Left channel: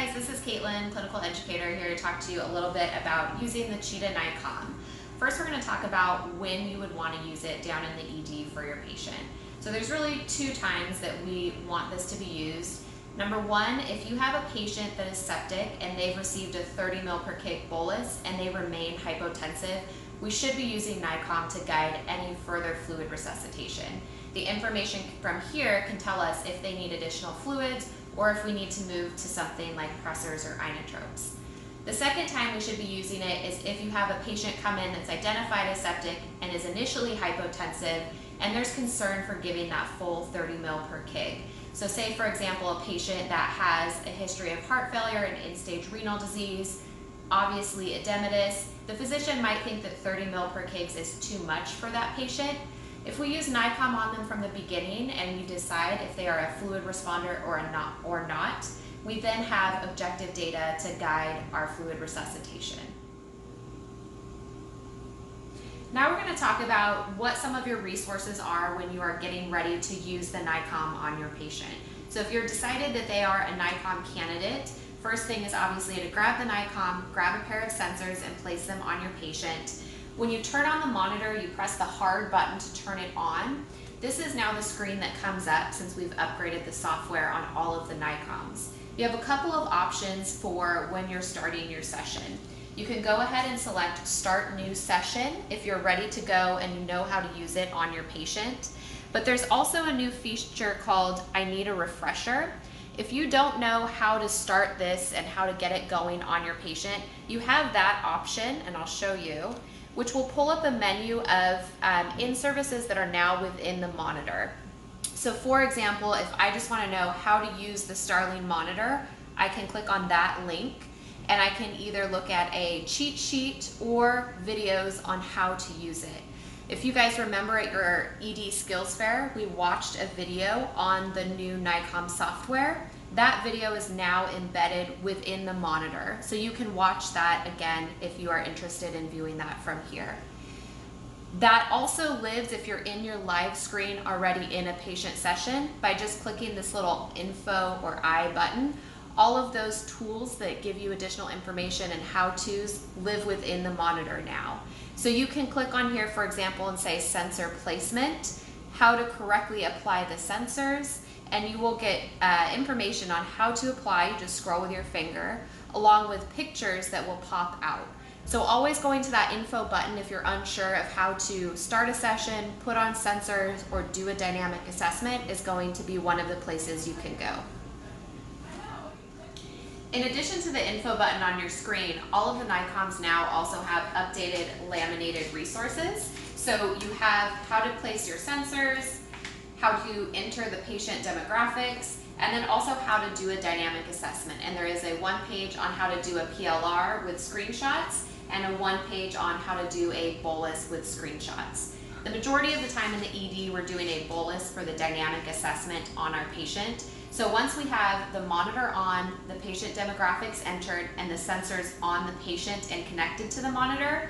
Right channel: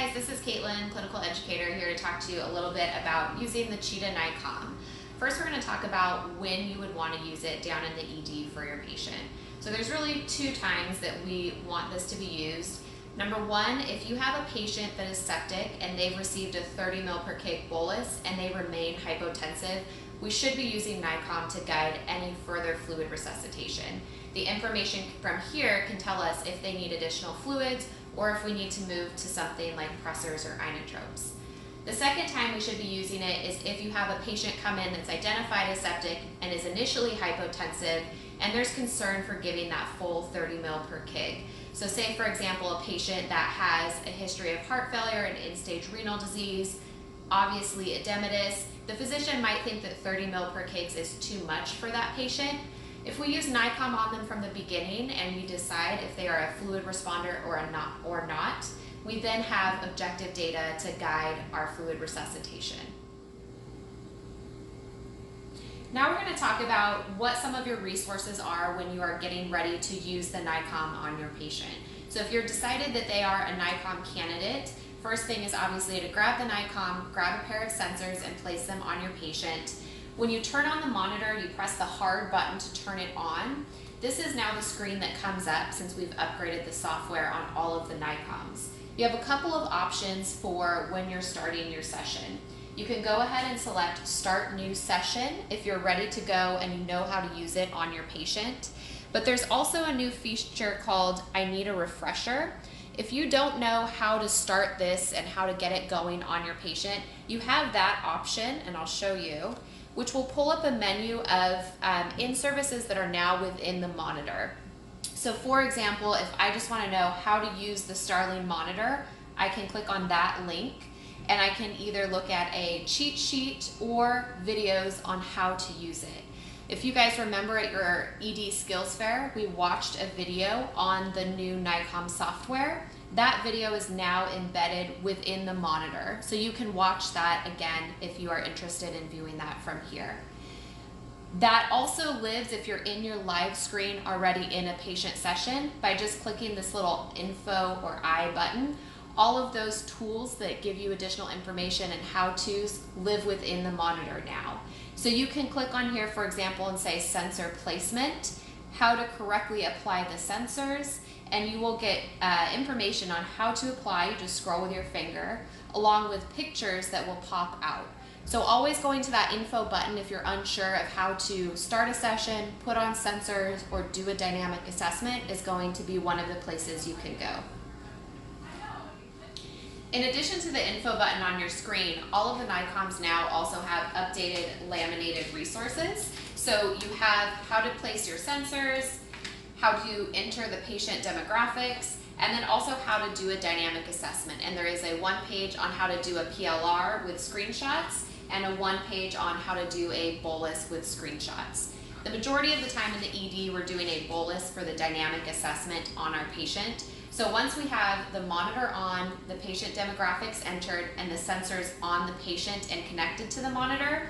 guys, this is Caitlin, clinical educator, here to talk to you a little bit about using the Cheetah NICOM. First, we're going to talk about when you would want to use it down in the ED for your patient. So there's really two times that we want this to be used. Number one, if you have a patient that is septic and they've received a 30 ml per kg bolus and they remain hypotensive, we should be using NICOM to guide any further fluid resuscitation. The information from here can tell us if they need additional fluids or if we need to move to something like pressors or inotropes. The second time we should be using it is if you have a patient come in that's identified as septic and is initially hypotensive and there's concern for giving that full 30 ml per kg. So say, for example, a patient that has a history of heart failure and end-stage renal disease, obviously edematous, the physician might think that 30 ml per kg is too much for that patient. If we use NICOM on them from the beginning and we decide if they are a fluid responder or not, we then have objective data to guide our fluid resuscitation. Now we're going to talk about what some of your resources are when you are getting ready to use the NICOM on your patient. So if you're decided that they are a NICOM candidate, first thing is obviously to grab the NICOM, grab a pair of sensors and place them on your patient. When you turn on the monitor, you press the hard button to turn it on. This is now the screen that comes up since we've upgraded the software on all of the NICOMs. You have a couple of options for when you're starting your session. You can go ahead and select Start New Session if you're ready to go and you know how to use it on your patient. But there's also a new feature called I Need a Refresher. If you don't know how to start this and how to get it going on your patient, you have that option, and I'll show you, which will pull up a menu of in-services that are now within the monitor. So for example, if I just want to know how to use the Starling monitor, I can click on that link and I can either look at a cheat sheet or videos on how to use it. If you guys remember at your ED Skills Fair, we watched a video on the new NICOM software. That video is now embedded within the monitor. So you can watch that again if you are interested in viewing that from here. That also lives if you're in your live screen already in a patient session by just clicking this little info or I button. All of those tools that give you additional information and how-tos live within the monitor now. So you can click on here, for example, and say sensor placement, how to correctly apply the sensors, and you will get information on how to apply. You just scroll with your finger, along with pictures that will pop out. So always going to that info button if you're unsure of how to start a session, put on sensors, or do a dynamic assessment is going to be one of the places you can go. In addition to the info button on your screen, all of the NICOMs now also have updated laminated resources. So you have how to place your sensors, how to enter the patient demographics, and then also how to do a dynamic assessment. And there is a one page on how to do a PLR with screenshots and a one page on how to do a bolus with screenshots. The majority of the time in the ED, we're doing a bolus for the dynamic assessment on our patient. So once we have the monitor on, the patient demographics entered, and the sensors on the patient and connected to the monitor,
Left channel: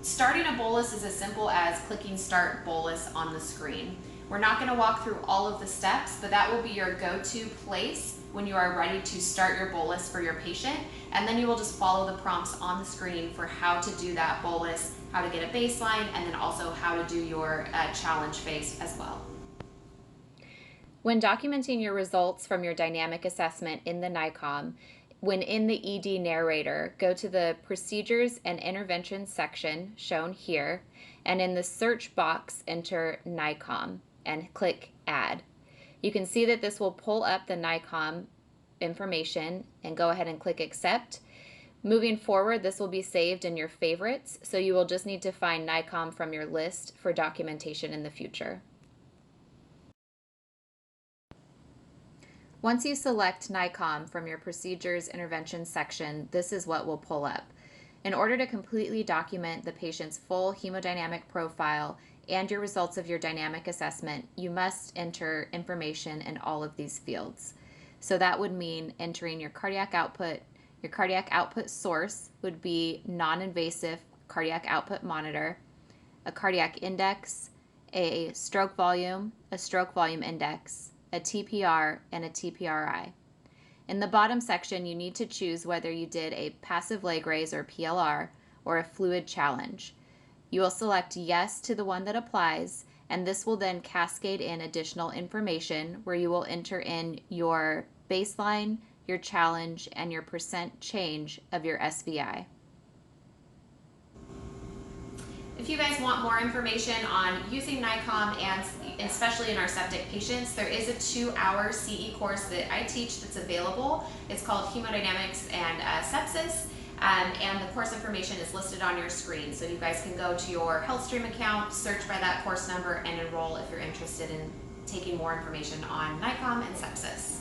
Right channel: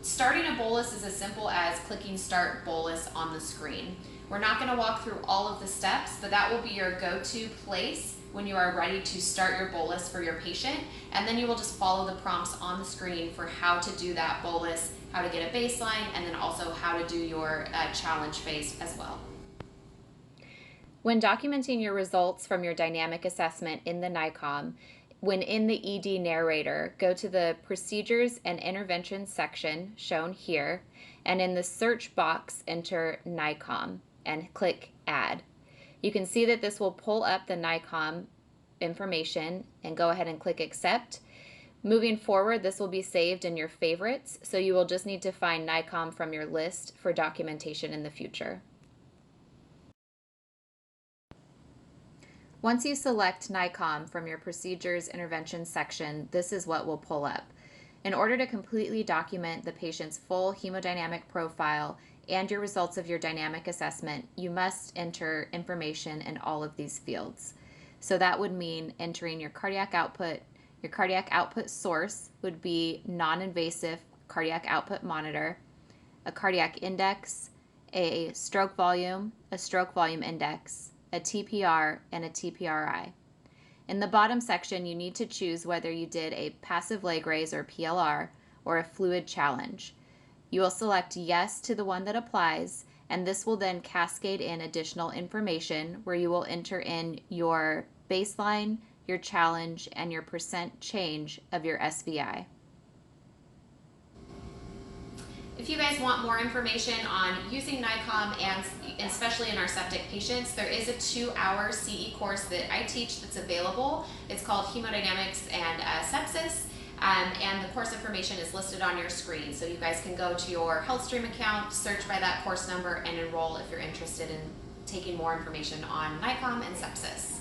starting a bolus is as simple as clicking Start Bolus on the screen. We're not going to walk through all of the steps, but that will be your go-to place when you are ready to start your bolus for your patient, and then you will just follow the prompts on the screen for how to do that bolus, how to get a baseline, and then also how to do your challenge phase as well. When documenting your results from your dynamic assessment in the NICOM, when in the ED narrator, go to the Procedures and Interventions section shown here, and in the search box, enter NICOM and click Add. You can see that this will pull up the NICOM information and go ahead and click Accept. Moving forward, this will be saved in your favorites, so you will just need to find NICOM from your list for documentation in the future. Once you select NICOM from your Procedures Intervention section, this is what will pull up. In order to completely document the patient's full hemodynamic profile and your results of your dynamic assessment, you must enter information in all of these fields. So that would mean entering your cardiac output. Your cardiac output source would be non-invasive cardiac output monitor, a cardiac index, a stroke volume index, a TPR, and a TPRI. In the bottom section, you need to choose whether you did a passive leg raise or PLR or a fluid challenge. You will select yes to the one that applies, and this will then cascade in additional information where you will enter in your baseline, your challenge, and your percent change of your SVI. If you guys want more information on using NICOM, and especially in our septic patients, there is a 2-hour CE course that I teach that's available. It's called Hemodynamics and Sepsis, and the course information is listed on your screen. So you guys can go to your HealthStream account, search by that course number, and enroll if you're interested in taking more information on NICOM and sepsis.